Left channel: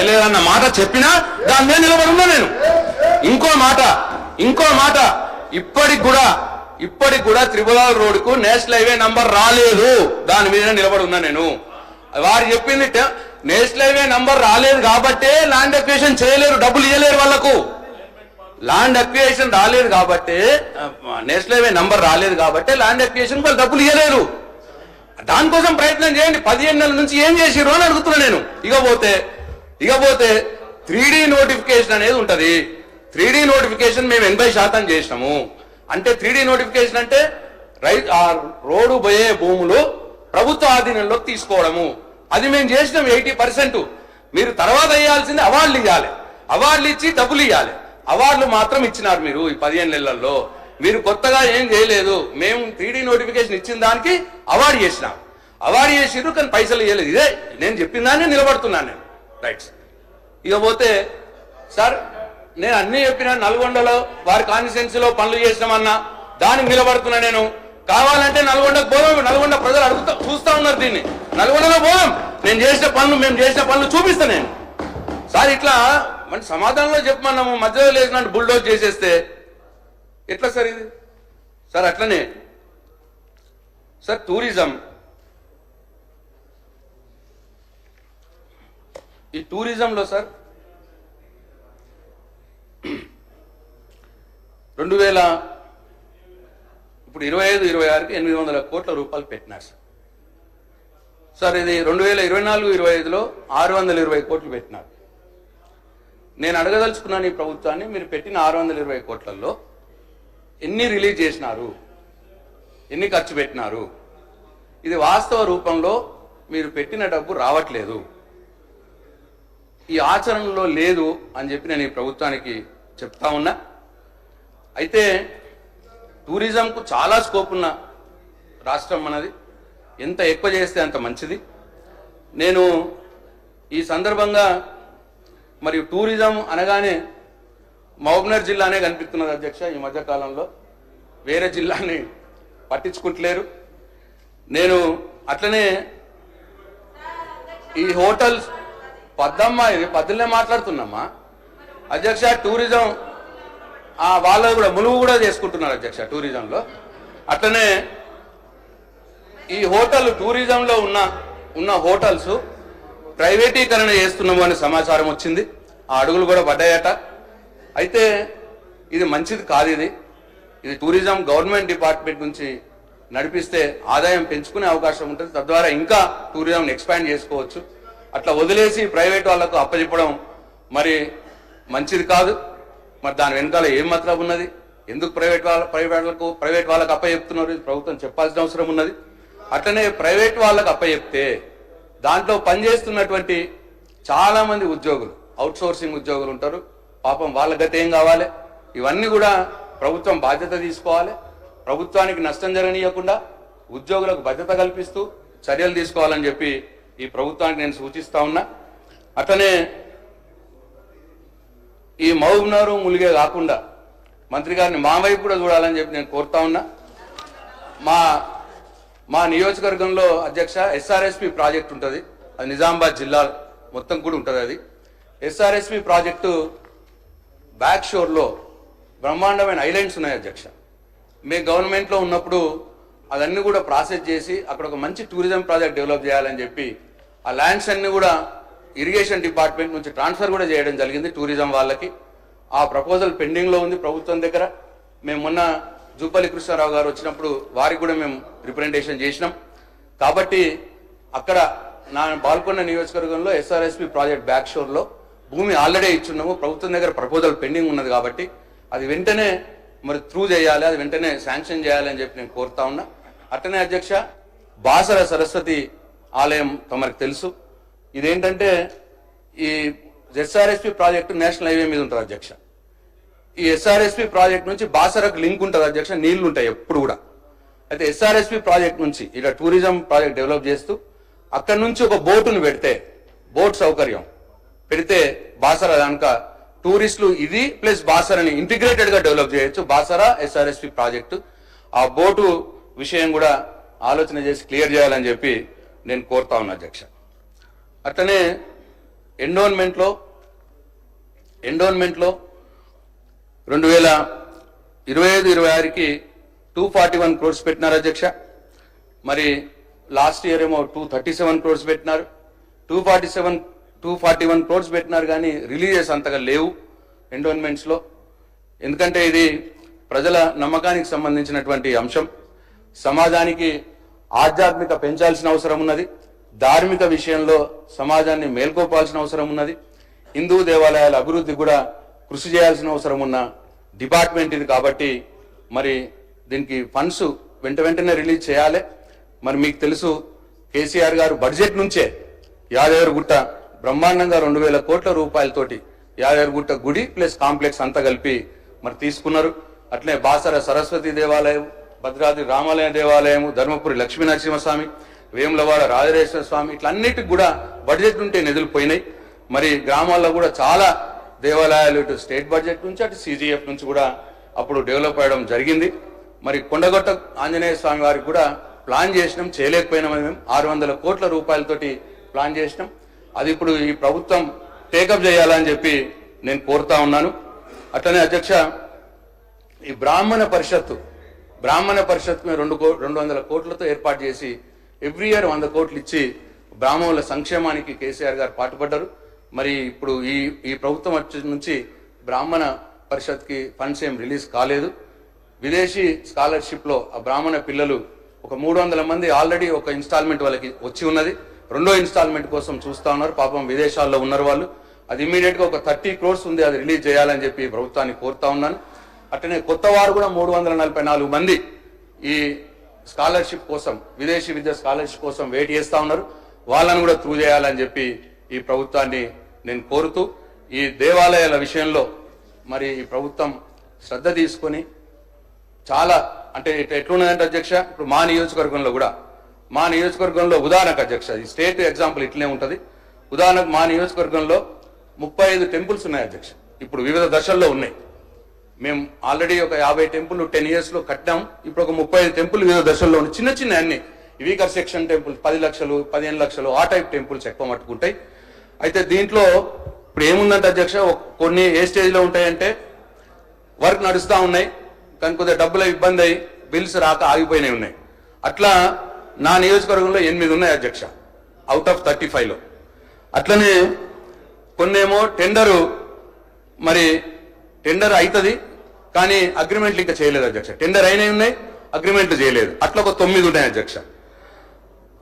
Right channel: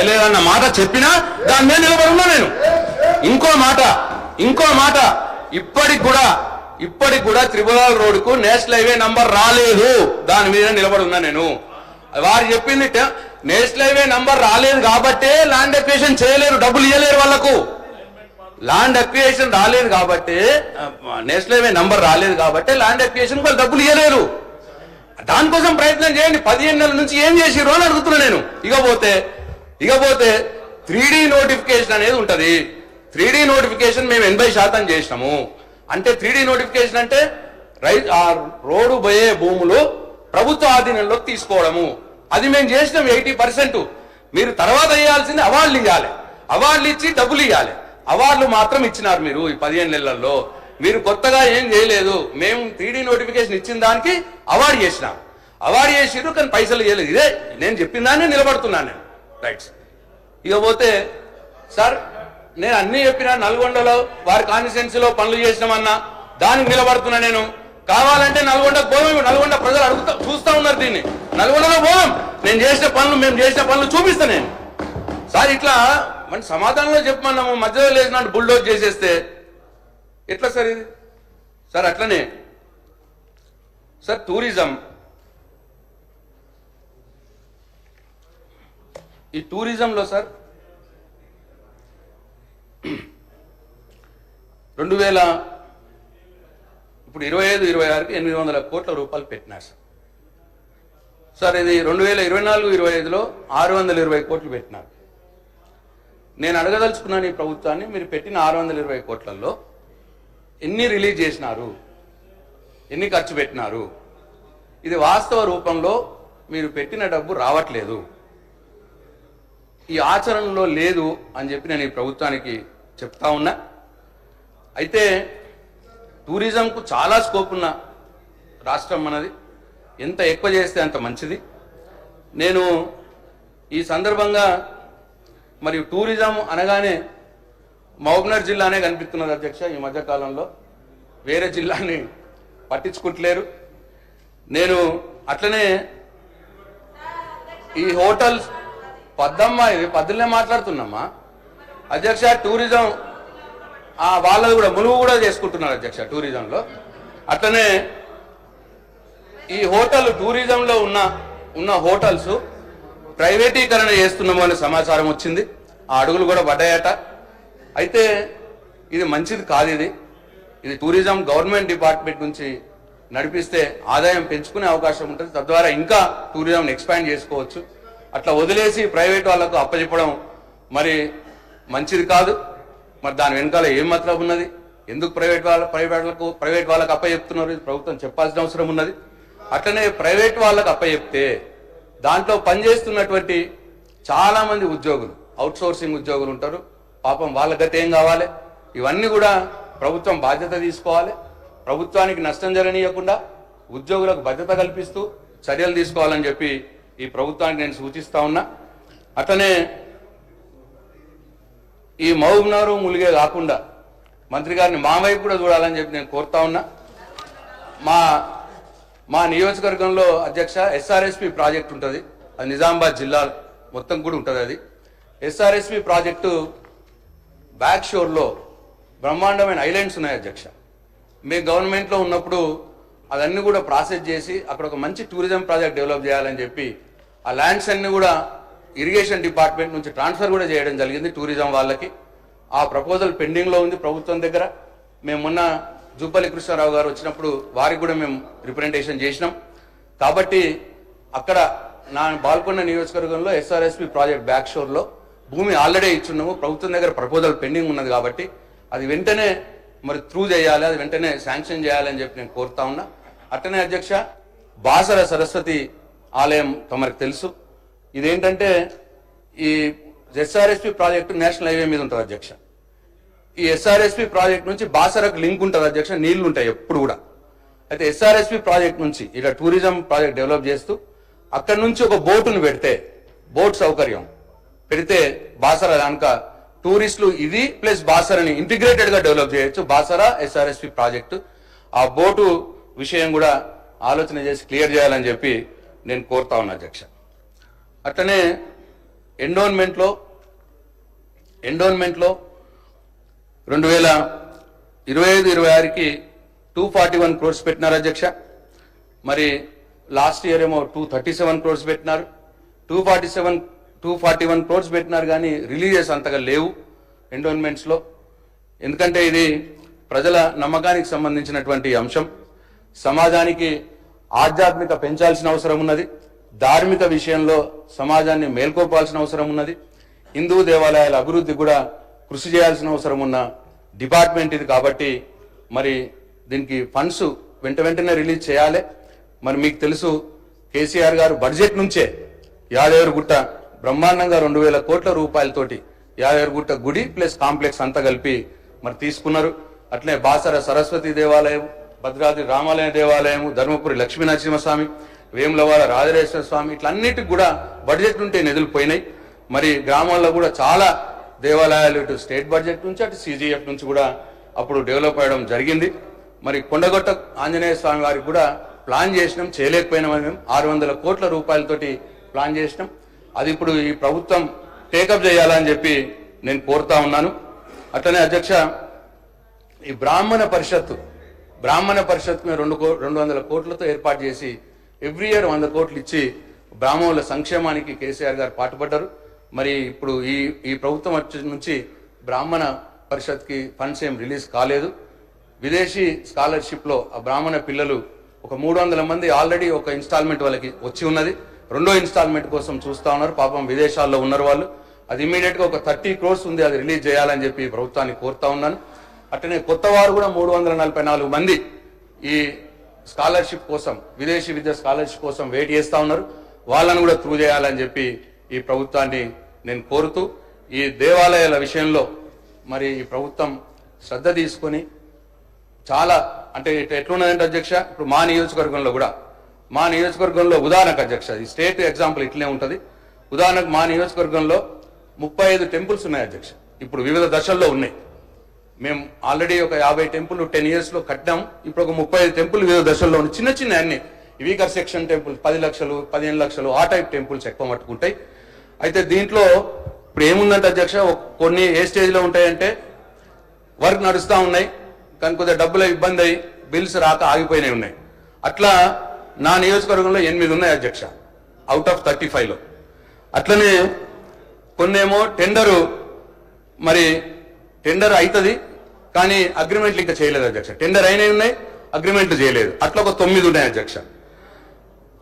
చేయలేదన్న మాట చెప్పినా దాని మీద నిలబడి ఉన్నా నేను. ఇంకో మాట ఇప్పటికి కూడా త్రిపురాల రోడ్డుకు నేషనల్ హైవే నంబర్ రాలేదు, దాని మీద నిలబడి ఉన్నా నేను. వారు చెప్పింది నేషనల్ హైవే నంబర్ రాలేదు కాబట్టే ల్యాండ్ అక్విజిషన్ చేయలేరు, డబ్బులు ఇవ్వలేరు వాళ్ళకు. ల్యాండ్ అక్విజిషన్ రాలేదు కాబట్టి, నేషనల్ హైవే నంబర్ రాలేదు కాబట్టి ల్యాండ్ అక్విజిషన్ వాళ్ళు డబ్బులు ఇవ్వలేరు. దానికోసం ప్రయత్నం చేయండి. 15 నెలల నుంచి ఏం చేసిర్రు అని అడుగుతున్నా నేను. ఇకపోతే 3D నోటిఫికేషన్ అనేది ఉంటది. 3D నోటిఫికేషన్ మేము 80% చేసినాము. అంటే 3D నోటిఫికేషన్ అంటే రోడ్డు పోయే భూములు ప్రభుత్వ ఆధీనంలోకి తీసుకోవడము, అది మేము చేసినాం 80%. మీరు తర్వాత ఇవ్వాల్సింది అవార్డులు ఇవ్వాలి, అవార్డులు ఇచ్చి డబ్బులు ఇవ్వాలి. అవార్డులు మాత్రం ఇచ్చినారు మీరు ఈ 15 నెలల్లో. మీరు కొత్తగా ఏం చేయలేదు. మేము 3D నోటిఫికేషన్ ఇచ్చిన దానికి అవార్డు చేసినాం, అవార్డు చేసిర్రు కానీ పైసలు ఇవ్వలేదు. ఇదే నేను చెప్పిన దాన్ని నిలబడుతున్నాను నేను. రైట్స్. ఇకపోతే సార్ నేను అన్ని చెప్పినా, నల్గొండలో వారి కాన్స్టిట్యున్సీలో పనులు చేసినామన్నా దానికి నిలబడుతున్నా నేను. కావాలంటే నల్గొండకు పోదాం, నల్గొండ ప్రజలు చూస్తా ఉన్నారు దీన్ని. నల్గొండలో పోదాం, మేము చేసిన పనులు చూపిస్తా నేను. సార్ ఇట్లా మన సమాధానంలో చెప్పమన్నాము, మధ్యలో లేచినట్టు బుల్డోజ్ చేసేస్తే ఎట్లా సార్ ఇది? సార్ అట్లనే సార్ ఈ టూరిజంలో సార్ 25-26కి 800 కోట్ల రూపాయలు పెట్టినారు సార్. ఇది 2024-25లో 620 కోట్లు పెట్టినారు. నేను అడగదలుచుకున్నాను ఈ ప్రభుత్వాన్ని, మీరు పెట్టిన 620 కోట్లలో ఎన్ని రిలీజ్ చేసినారు, ఎన్ని ఖర్చు పెట్టినారు? ఇది వాస్తవ రూపంలో మీరు పెట్టిన డబ్బు రావట్లేదు, ఈ ఆచరణలో లేదు అని చెప్పి నేను ఈ ప్రభుత్వానికి చెప్తా ఉన్నా. అయితే టూరిజంకు చాలా స్కోప్ ఉన్న రాష్ట్రం మనది, ఎంత ఎక్కువ చేస్తే అంత మంచిది. నేను ఈ సందర్భంగా మరి టూరిజం అనగానే మహబూబ్నగర్ జిల్లానే కనిపిస్తున్నది అధ్యక్ష. ఈ మధ్యకాలంలో వేరే జిల్లాని పట్టించుకుంటలేరు. నేను అట్లనే ఈ హోటల్స్ ఇది పద్దులనే మాట్లాడుతున్నామా అధ్యక్ష. టూరిజం వాళ్ళది కూడా ములుగు కూడా చేసుకుంటున్నారు అధ్యక్ష టూరిజంలో. అట్లనే ఈ టూరిజంలో ఉన్న హోటల్స్ ప్రైవేటీకరణ చేస్తున్నాము అనే సమాచారం వచ్చింది. ఆ అడుగులు కూడా పడ్డాయట. అయితే ఇది మంచిది కాదు. ఇది టూరిజం గవర్నమెంట్ డిపార్ట్మెంట్ నుంచి నడిపిస్తే ఆదాయం పెంచుకునే అవకాశం ఉంటుంది, తద్వారా ఇంకా టూరిజంని ఎక్స్పాండ్ చేసుకోవచ్చు. అట్లా వదిలేసి ప్రైవేట్ వాళ్ళకు అప్పచెప్పడం మరి మంచిది కాదు. మరి దాని వెనకాల ఏం మతలబు ఉన్నది? ఎందుకు ప్రైవేట్ వాళ్ళకు అప్పచెప్తున్నారు? ప్రభుత్వం చెప్పాల్సిన అవసరం ఉన్నది. అట్లనే ప్రైవేట్ వాళ్ళకు అప్పచెప్తే దాంట్లో పనిచేస్తున్నటువంటి చాలా మంది ఉద్యోగులు, అవుట్సోర్సింగ్ ఉద్యోగులు ఉంటారు. పాపం వాళ్ళ గతి ఏం కావాలి? ఇవన్నీ కూడా ప్రభుత్వం బాధ్యత తీసుకోవాలి. ప్రభుత్వానికి నష్టం జరగనీయకుండా ఉద్యోగులకు భద్రత కల్పిస్తూ చర్యలు తీసుకోవాలని చెప్పి ఈ ప్రభుత్వానికి నేను సూచిస్తా ఉన్నా. అట్లనే ఈ మహబూబ్నగర్ ములిగే కాకుండా మంత్రి గారిని మా వైపు కూడా చూడాలని చెప్పి నేను కోరుతా ఉన్నా. మా నియోజకవర్గంలో అధ్యక్ష ఎస్ఆర్ఎస్పి ప్రాజెక్ట్ ఉంటుంది, అది నిజామాబాద్ జిల్లా మొత్తం కూడా ఉంటుంది. అది ఎస్ఆర్ఎస్పి ప్రాజెక్టు బ్యాక్ షోర్లో బ్రహ్మాండమైన ఐలాండ్స్ ఉన్నాయి అధ్యక్ష. మీ గవర్నమెంట్లో ఉన్నప్పుడు అవన్నీ కూడా ప్రాసెస్ చేసి అక్కడ ఒక మంచి టూరిజం ప్రాజెక్ట్ డెవలప్ చేయాలని చెప్పి ఆ ల్యాండ్స్ అన్ని కూడా ఇరిగేషన్ డిపార్ట్మెంట్ నుంచి ట్రాన్స్ఫర్ కూడా చేయడం జరిగింది టూరిజం వాళ్ళకి. ఆ ప్రపోజల్ పెండింగ్లో ఉంది ప్రభుత్వం దగ్గర. మేము మొన్న జూపల్లి కృష్ణారావు గారు వచ్చినప్పుడు వారికి కూడా మేము రిప్రజెంటేషన్ చేసినాం. కాబట్టి అక్కడ నా బాల్కొండ నియోజకవర్గంలో ఎస్ఆర్ఎస్పి ప్రాజెక్ట్ బ్యాక్ షోర్లో భూమి ఆల్రెడీ ఇచ్చున్నాము. ప్రభుత్వం దగ్గర ప్రపోజల్ పెండింగ్ ఉన్నది కాబట్టి అది వెంటనే మరి త్రూ చేయాలి, అది వెంటనే శాంక్షన్ చేయాలని చెప్పి నేను కోరుతా ఉన్నా. అట్టనే అధ్యక్ష బాసర సరస్వతి ఆలయం తమరికి తెలుసు. ఇదేంటంటే ఈ ఎస్ఆర్ఎస్పి ప్రాజెక్టు నేషనల్ హైవే మీద ఉంటుంది అధ్యక్ష. ఈ ఎస్ఆర్ఎస్పి ప్రాజెక్ట్ నుంచి బాసరకు లింక్ ఉంటుంది అధ్యక్ష, నీళ్లు ఉంటాయి ఎప్పుడు కూడా. అయితే ఎస్ఆర్ఎస్పి ప్రాజెక్ట్ నుంచి ఇలా టూరిజం ప్రాజెక్ట్ డెవలప్ చేస్తూ అక్కడి నుంచి ఒక బోటును పెడితే, బోట్ సౌకర్యం పెడితే బాసర దానిక టూరిస్టులు ఇది ప్లస్ బాసరని ఇంటిగ్రేటెడ్ గా డెవలప్ చేయొచ్చు. బాసర ఎస్ఆర్ఎస్పి ప్రాజెక్టు ఆ బోటు విషయం కూడా ఆలోచన చేసి క్లియర్ చేయాలని చెప్పి నేను కోరుతా ఉన్నా అధ్యక్ష. అట్లనే ఎండోన్మెంట్లో 2025-26కి 241 crores పెట్టినారు అధ్యక్ష. మరి లాస్ట్ ఇయర్ ఏమో 237 crores పెట్టినారు. 241 crores పెట్టినారు కానీ రిలీజెస్ అంతగా లేవు ఎండోన్మెంట్స్లో. ఎందుకంటే ఇది ప్రజల నమ్మకానికి సంబంధించినటువంటి అంశం. సమాజానికి ఆధ్యాత్మిక పెంచాల్సిన అవసరం ఉన్నది. ధార్మిక విషయంలో సమాజాన్ని మేల్కొల్పాల్సిన అవసరం ఉన్నది. హిందూ దేవాలయాల అభివృద్ధి కూడా కృషి చేయాల్సిన అవసరం ఉన్న డిపార్ట్మెంట్ ఇది. కాబట్టి మరి దీనికి ఫండ్స్ వెంటనే రిలీజ్ చేయాలి. మరి మీకు తెలుసు కేసీఆర్ గారు బడ్జెట్ నుంచే యాదగిరిగుట్ట బ్రహ్మాండంగా 2,000 కోట్ల రూపాయలతోటి యాదగిరిగుట్ట గుడి ప్లస్ కాంప్లెక్స్ అంతా కలిపి మరి తీసుకున్నారు. అట్లే బాసర సరస్వతి దేవాలయం, భద్రాద్రి రామాలయ దేవాలయం, ధర్మపురి లక్ష్మీ నరసింహస్వామి, వేములవాడ రాజరాజేశ్వర స్వామి, ఇట్లన్నిటికి కూడా బడ్జెట్ నుండి నిధులు పోయినాయి. మరి గ్రామాల్లో కూడా చాలా దేవాలయాలు ఇటు స్టేట్ బడ్జెట్ నుంచి అటు CGF నుంచి కూడా అప్పుడు డెవలప్ అవ్వడం జరిగింది. మరి కొండగొట్ట ఆంజనేయ స్వామి వారికి కూడా ప్లాన్ చేసినాం, చేయలేకపోయినాం. మేము 600 కోట్ల రూపాయలతోటి ప్లాన్ చేసినాం. అది ఇప్పుడు ఈ ప్రభుత్వం టేకప్ చేయాలని చెప్పి నేను కోరుతా ఉన్నాను. అట్లనే అధ్యక్ష, ఈ బ్రాహ్మణ పరిషత్ 200 కోట్లతో ఏర్పాటు చేసి ఎవ్రీ ఇయర్ 100 కోట్లు ఇచ్చి బ్రాహ్మణుల సంక్షేమానికి కేసీఆర్ గారు పాటుపడ్డారు. మరి ఇప్పుడు ఈ ప్రభుత్వం వచ్చి నుంచి బ్రాహ్మణ పరిషత్కి ఫండ్స్ ఏం రిలీజ్ కాలేదు. విదేశీ స్కాలర్షిప్లో ఆ బ్రాహ్మణ పిల్లలు ఒక 300 మంది ఆల్రెడీ ఒక ఇన్స్టాల్మెంట్ వాళ్ళకి వచ్చి ఉన్నది. రెండో ఇన్స్టాల్మెంట్ కోసం చూస్తా ఉన్నారు. పాపం విదేశాల్లో ఉన్నారు వాళ్ళు. అది ఇమీడియట్గా ఒక 30 crores ఉంది, అది రిలీజ్ చేయాలని చెప్పి ప్రభుత్వాన్ని కోరుతా ఉన్నాను. అట్లనే కొత్త వారు కూడా 344 మంది ఈ స్కాలర్షిప్ కోసం, విదేశీ విద్య స్కాలర్షిప్ కోసం వెయిట్ చేస్తూ ఉన్నారు. వాళ్ళను కూడా త్రూ చేయాలని చెప్పి ఈ ప్రభుత్వాన్ని నేను కోరుతూ, ఈ దేవాలయాల విషయంలో మరి ఈ ప్రభుత్వం శ్రద్ధ తీసుకొని చాలా అంటే ఎట్లున్నదంటే అధ్యక్ష, ఇప్పుడు మా నియోజకవర్గంలో ఉదాహరణకు అధ్యక్ష, ఈ స్టేట్ ఎగ్జాంపుల్ ఇట్లనే ఉంటుంది. ఉదాహరణకు మా నియోజకవర్గంలో 35 టెంపుల్స్ ఉన్నాయి అధ్యక్ష. ఇప్పుడు వివిధ దశల్లో ఉన్నాయి. మేము ఆల్రెడీ ఒక 50 టెంపుల్ 10 yearsలో కట్టాం. ఇప్పుడు ఒక 35 టెంపుల్ వివిధ దశల్లో ఉన్నాయి. చిన్న అన్ని వీకర్ సెక్షన్ టెంపుల్ 10 లక్షలు 15 లక్షలు ఆ టైప్ టెంపుల్స్ ఎక్కువ మట్టుకుంటాయి. అయితే దీంట్లో ఇప్పుడు ఏముందంటే అధ్యక్ష, కొన్ని ఏ స్టేజ్లో ఉంటాయంటే వర్క్ నడుస్తూ ఉన్నాయి కానీ కొద్దిగా డబ్బుల ఇబ్బంది అయ్యి బిల్స్ రాక ఆగిపోయినాయి ఉన్నాయి. అట్లా నా నియోజకవర్గంలో 8 ఉన్నాయి అధ్యక్ష, అవుట్ ఆఫ్ 35లో. అట్లనే కొన్నేమో టెండర్ అవుతుంది కానీ అగ్రిమెంట్లు ఇంకా చేయలేదు అధ్యక్ష. టెండర్ అయినవి ఉన్నాయి, అగ్రిమెంట్లు చేయలేదు. అట్లా ఒక 9 ఉన్నాయి అధ్యక్ష.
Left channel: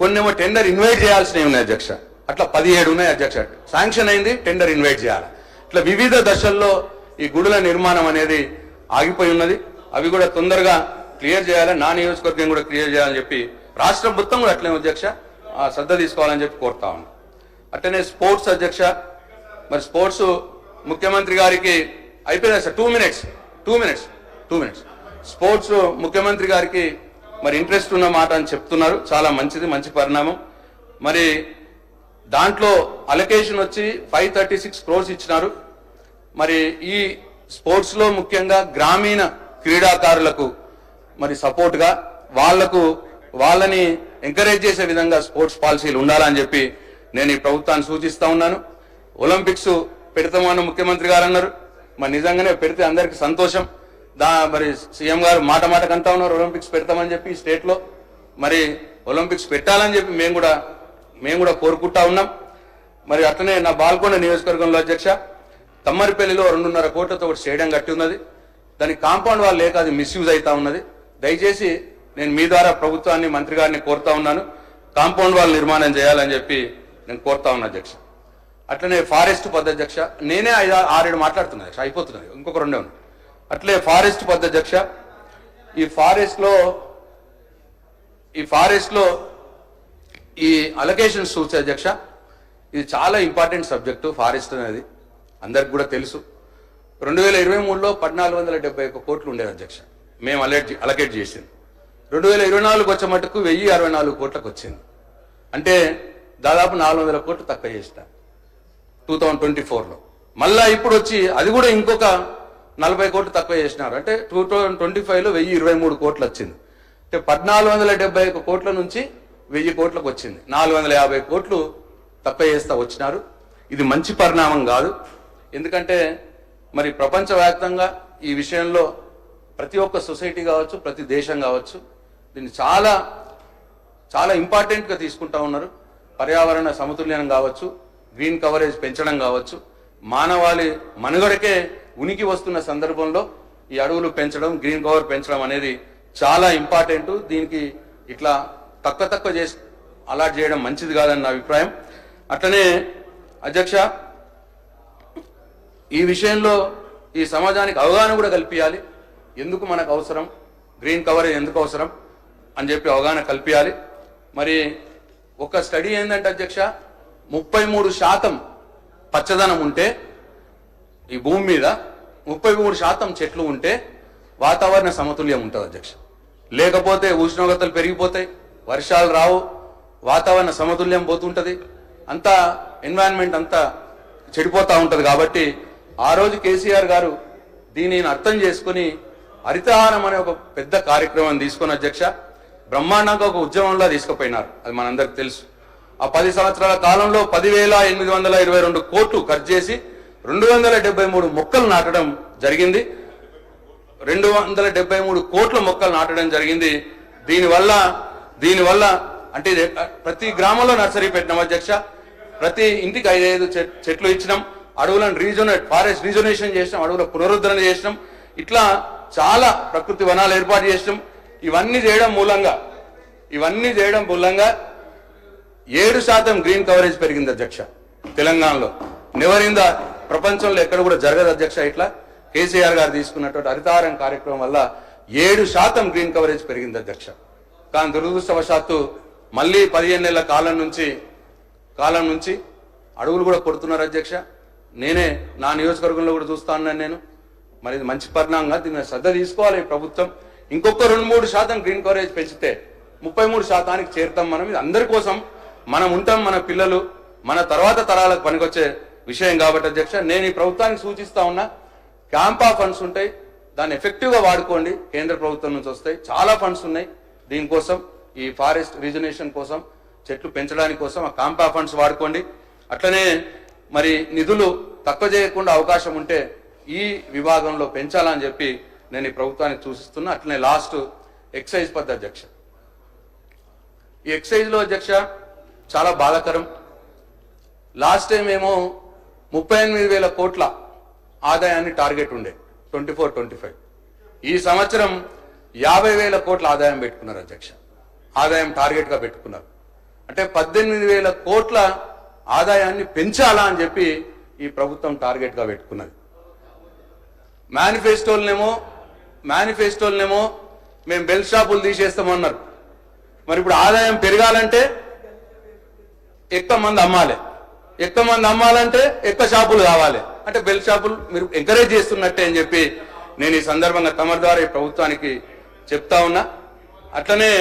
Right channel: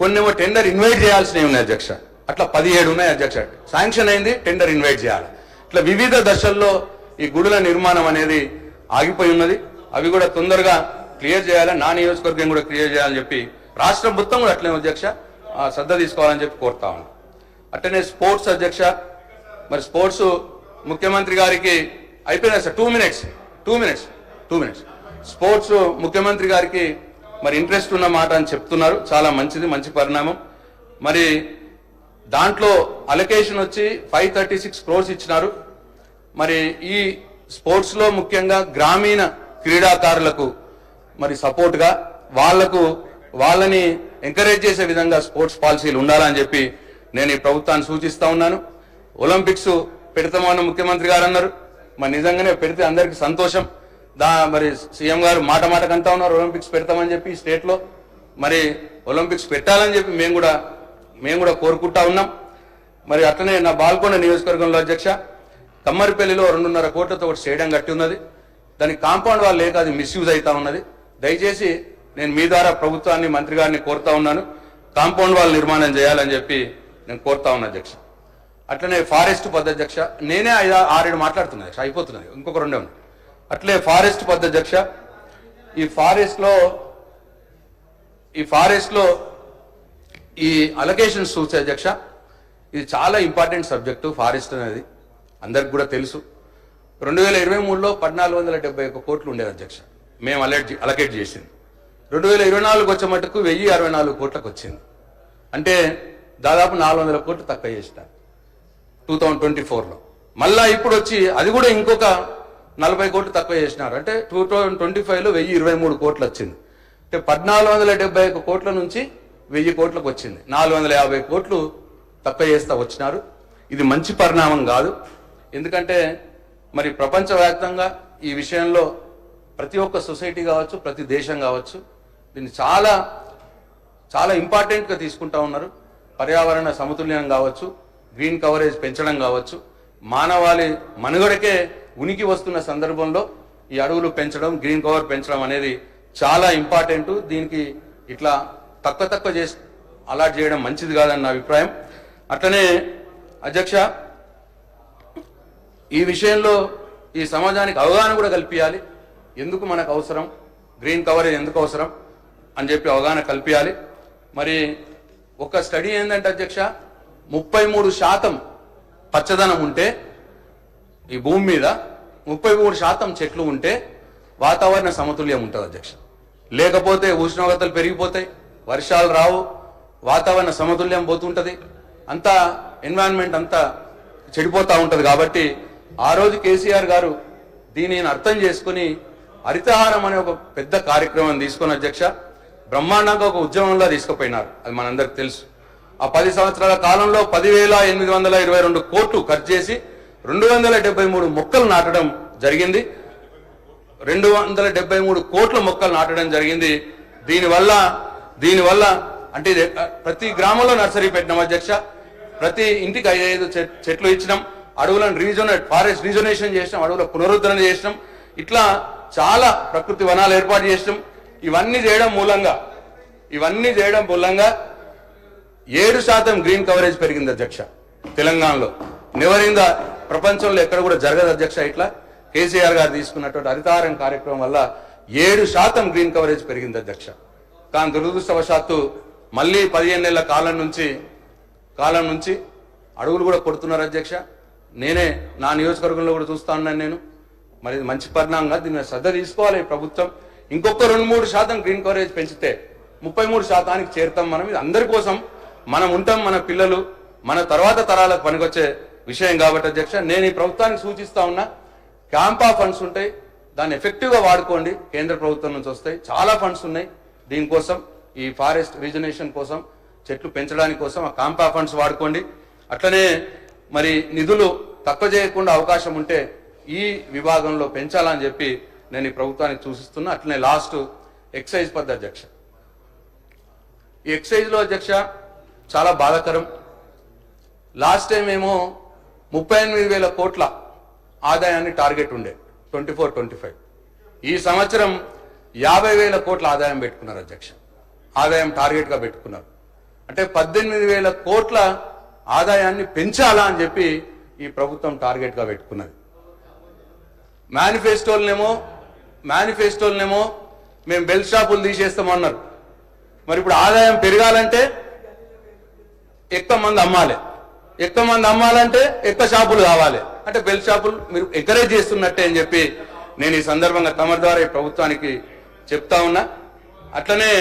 కొన్నేమో టెండర్ ఇన్వైట్ చేయాల్సినవి ఉన్నాయి అధ్యక్ష. అట్లా 17 ఉన్నాయి అధ్యక్ష. శాంక్షన్ అయింది, టెండర్ ఇన్వైట్ చేయాలి. ఇట్లా వివిధ దశల్లో ఈ గుడుల నిర్మాణం అనేది ఆగిపోయి ఉన్నది. అవి కూడా తొందరగా క్లియర్ చేయాలి. నా నియోజకవర్గం కూడా క్లియర్ చేయాలని చెప్పి రాష్ట్రం మొత్తం కూడా అట్లే అధ్యక్ష శ్రద్ధ తీసుకోవాలని చెప్పి కోరుతా ఉన్నాను. అట్లనే స్పోర్ట్స్ అధ్యక్ష, మరి స్పోర్ట్స్ ముఖ్యమంత్రి గారికి అయిపోయింది సార్. 2 minutes. స్పోర్ట్స్ ముఖ్యమంత్రి గారికి మరి ఇంట్రెస్ట్ ఉన్న మాట అని చెప్తున్నారు. చాలా మంచిది, మంచి పరిణామం. మరి దాంట్లో అలొకేషన్ వచ్చి 536 crores ఇచ్చినారు. మరి ఈ స్పోర్ట్స్లో ముఖ్యంగా గ్రామీణ క్రీడాకారులకు మరి సపోర్ట్గా వాళ్ళని ఎంకరేజ్ చేసే విధంగా స్పోర్ట్స్ పాలసీలు ఉండాలని చెప్పి నేను ఈ ప్రభుత్వాన్ని సూచిస్తా ఉన్నాను. ఒలింపిక్స్ పెడతామని ముఖ్యమంత్రి గారు అన్నారు. మరి నిజంగానే పెడితే అందరికీ సంతోషం. మరి సీఎం గారు మాట కంటా ఉన్నారు ఒలింపిక్స్ పెడతామని చెప్పి స్టేట్లో. మరి ఒలింపిక్స్ పెట్టాలని చెప్పి మేము కూడా కోరుకుంటా ఉన్నాం. మరి అట్లనే నా బాల్కొండ నియోజకవర్గంలో అధ్యక్ష, తమ్మరిపల్లిలో 2.5 కోట్లతో ఒకటి స్టేడియం కట్టి ఉన్నది. దానికి కాంపౌండ్ వాళ్ళు లేక అది మిస్యూజ్ అవుతా ఉన్నది. దయచేసి నేను మీ ద్వారా ప్రభుత్వాన్ని, మంత్రి గారిని కోరుతా ఉన్నాను, కాంపౌండ్ వాళ్ళు నిర్మాణం చేయాలని చెప్పి నేను కోరుతా ఉన్నా అధ్యక్ష. అట్లనే ఫారెస్ట్ పద్ధతి అధ్యక్ష, నేనే 6-7 మాట్లాడుతున్నా అధ్యక్ష, అయిపోతున్నది, ఇంకొక 2 ఉన్నాయి. అట్లే ఫారెస్ట్ పద్ధతి అధ్యక్ష, ఈ ఫారెస్ట్లో ఈ అలొకేషన్స్ చూసే అధ్యక్ష, ఇది చాలా ఇంపార్టెంట్ సబ్జెక్టు. ఫారెస్ట్ అనేది అందరికి కూడా తెలుసు. 2023లో 1471 కోట్లు ఉండేది అధ్యక్ష, మేము అలొకేట్ చేసింది. 2024 వచ్చే మటుకు 1064 కోట్లకు వచ్చింది. అంటే దాదాపు 400 కోట్లు తక్కువ చేసిన 2024లో. మళ్ళా ఇప్పుడు వచ్చి అది కూడా ఇంకొక 40 కోట్లు తక్కువ చేసినారు. అంటే 2025లో 1023 కోట్లు వచ్చింది. అంటే 1471 కోట్ల నుంచి 1000 కోట్లకు వచ్చింది. 450 కోట్లు తక్కువ చేస్తా వచ్చినారు. ఇది మంచి పరిణామం కాదు. ఎందుకంటే మరి ప్రపంచవ్యాప్తంగా ఈ విషయంలో ప్రతి ఒక్క సొసైటీ కావచ్చు, ప్రతి దేశం కావచ్చు దీన్ని చాలా చాలా ఇంపార్టెంట్గా తీసుకుంటా ఉన్నారు. పర్యావరణ సమతుల్యం కావచ్చు, గ్రీన్ కవరేజ్ పెంచడం కావచ్చు, మానవాళి మనుగడకే ఉనికి వస్తున్న సందర్భంలో ఈ అడవులు పెంచడం, గ్రీన్ కవర్ పెంచడం అనేది చాలా ఇంపార్టెంట్. దీనికి ఇట్లా తక్కువ చేసి అలాట్ చేయడం మంచిది కాదని నా అభిప్రాయం. అట్లనే అధ్యక్ష, ఈ విషయంలో ఈ సమాజానికి అవగాహన కూడా కల్పించాలి. ఎందుకు మనకు అవసరం, గ్రీన్ కవరేజ్ ఎందుకు అవసరం అని చెప్పి అవగాహన కల్పించాలి. మరి ఒక స్టడీ ఏంటంటే అధ్యక్ష, 33% పచ్చదనం ఉంటే ఈ భూమి మీద 33% చెట్లు ఉంటే వాతావరణ సమతుల్యం ఉంటుంది అధ్యక్ష. లేకపోతే ఉష్ణోగ్రతలు పెరిగిపోతాయి, వర్షాలు రావు, వాతావరణ సమతుల్యం పోతుంటుంది, అంతా ఎన్విరాన్మెంట్ అంతా చెడిపోతూ ఉంటుంది. కాబట్టి ఆ రోజు కేసీఆర్ గారు దీనిని అర్థం చేసుకుని హరితహారం అనే ఒక పెద్ద కార్యక్రమం తీసుకుని అధ్యక్ష బ్రహ్మాండంగా ఒక ఉద్యమంలో తీసుకుపోయినారు. అది మనందరికి తెలుసు. ఆ 10 సంవత్సరాల కాలంలో 10,822 కోట్లు ఖర్చు చేసి 273 మొక్కలు నాటడం జరిగింది. 273 కోట్ల మొక్కలు నాటడం జరిగింది. దీనివల్ల అంటే ప్రతి గ్రామంలో నర్సరీ పెట్టినాం అధ్యక్ష. ప్రతి ఇంటికి 5 చెట్లు ఇచ్చినాం. అడవులను ఫారెస్ట్ రీజనరేషన్ చేసినాం, అడవుల పునరుద్ధరణ చేసినాం. ఇట్లా చాలా ప్రకృతి వనాలు ఏర్పాటు చేసినాం. ఇవన్నీ చేయడం మూలంగా 7% గ్రీన్ కవరేజ్ పెరిగింది అధ్యక్ష తెలంగాణలో. నివరింద ప్రపంచంలో ఎక్కడ కూడా జరగదు అధ్యక్ష. ఇట్లా కేసీఆర్ గారు తీసుకున్నటువంటి హరితహారం కార్యక్రమం వల్ల 7% గ్రీన్ కవరేజ్ పెరిగింది అధ్యక్ష. కానీ దురదృష్టవశాత్తు మళ్ళీ 15 నెలల కాలం నుంచి అడవులు కూడా కొడుతున్నారు అధ్యక్ష. నేనే నా నియోజకవర్గంలో కూడా చూస్తా ఉన్నాను నేను. మరి ఇది మంచి పరిణామంగా దీన్ని శ్రద్ధ తీసుకోవాలి ప్రభుత్వం. ఇంకొక 2-3% గ్రీన్ కవరేజ్ పెంచితే 33%కి చేరుతాం మనం. ఇది అందరి కోసం మనం ఉంటాం, మన పిల్లలు మన తర్వాత తరాలకు పనికొచ్చే విషయం కాబట్టి అధ్యక్ష నేను ఈ ప్రభుత్వానికి సూచిస్తా ఉన్నా. క్యాంపా ఫండ్స్ ఉంటాయి, దాన్ని ఎఫెక్టివ్గా వాడుకోండి. కేంద్ర ప్రభుత్వం నుంచి వస్తాయి, చాలా ఫండ్స్ ఉన్నాయి దీనికోసం, ఈ ఫారెస్ట్ రీజనరేషన్ కోసం, చెట్లు పెంచడానికి కోసం ఆ క్యాంపా ఫండ్స్ వాడుకోండి. అట్లనే మరి నిధులు తక్కువ చేయకుండా అవకాశం ఉంటే ఈ విభాగంలో పెంచాలని చెప్పి నేను ఈ ప్రభుత్వానికి సూచిస్తున్నా. అట్లనే లాస్ట్ ఎక్సైజ్ పద్ధతి అధ్యక్ష. ఈ ఎక్సైజ్లో అధ్యక్ష చాలా బాధాకరం. లాస్ట్ టైం ఏమో 38,000 కోట్ల ఆదాయాన్ని టార్గెట్ ఉండే 24-25. ఈ సంవత్సరం 50,000 కోట్ల ఆదాయం పెట్టుకున్నారు అధ్యక్ష. ఆదాయం టార్గెట్గా పెట్టుకున్నారు. అంటే 18,000 కోట్ల ఆదాయాన్ని పెంచాలా అని చెప్పి ఈ ప్రభుత్వం టార్గెట్గా పెట్టుకున్నది. మేనిఫెస్టోలనేమో మేము బెల్ షాపులు తీసేస్తామన్నారు. మరి ఇప్పుడు ఆదాయం పెరగాలంటే ఎక్కువ మంది అమ్మాలంటే ఎక్కువ షాపులు కావాలి. అంటే బెల్ షాపులు మీరు ఎంకరేజ్ చేస్తున్నట్టే అని చెప్పి నేను ఈ సందర్భంగా తమ ద్వారా ఈ ప్రభుత్వానికి చెప్తా ఉన్నా. అట్లనే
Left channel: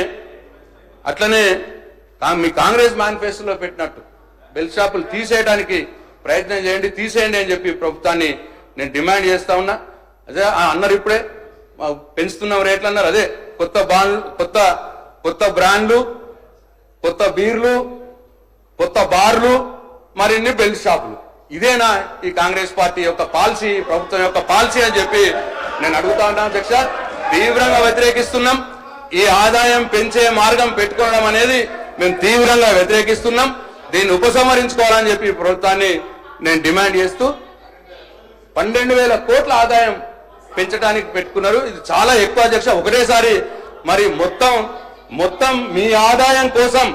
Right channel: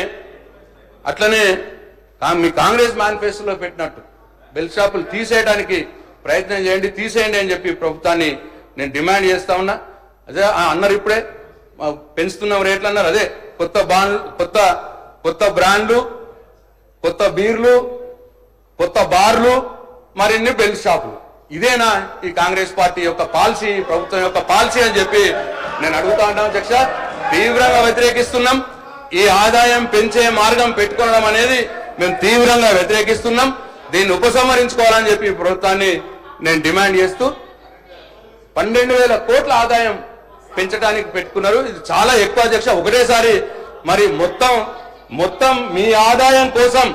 మీ కాంగ్రెస్ మేనిఫెస్టోలో పెట్టినట్టు బెల్ షాపులు తీసేయడానికి ప్రయత్నం చేయండి, తీసేయండి అని చెప్పి ప్రభుత్వాన్ని నేను డిమాండ్ చేస్తా ఉన్నా. అదే అన్నారు ఇప్పుడే పెంచుతున్న రేట్లు అన్నారు. అదే కొత్త బ్రాండ్లు, కొత్త బీర్లు, కొత్త బార్లు, మరిన్ని బెల్ షాపులు. ఇదేనా ఈ కాంగ్రెస్ పార్టీ యొక్క పాలసీ, ప్రభుత్వం యొక్క పాలసీ అని చెప్పి నేను అడుగుతా ఉన్నాను అధ్యక్ష. తీవ్రంగా వ్యతిరేకిస్తున్నాం. ఈ ఆదాయం పెంచే మార్గం పెట్టుకోవడం అనేది మేము తీవ్రంగా వ్యతిరేకిస్తున్నాం. దీన్ని ఉపసంహరించుకోవాలని చెప్పి ప్రభుత్వాన్ని నేను డిమాండ్ చేస్తూ 12,000 కోట్ల ఆదాయం పెంచడానికి పెట్టుకున్నారు. ఇది చాలా ఎక్కువ అధ్యక్ష. ఒకటేసారి మరి మొత్తం మీ ఆదాయం కోసం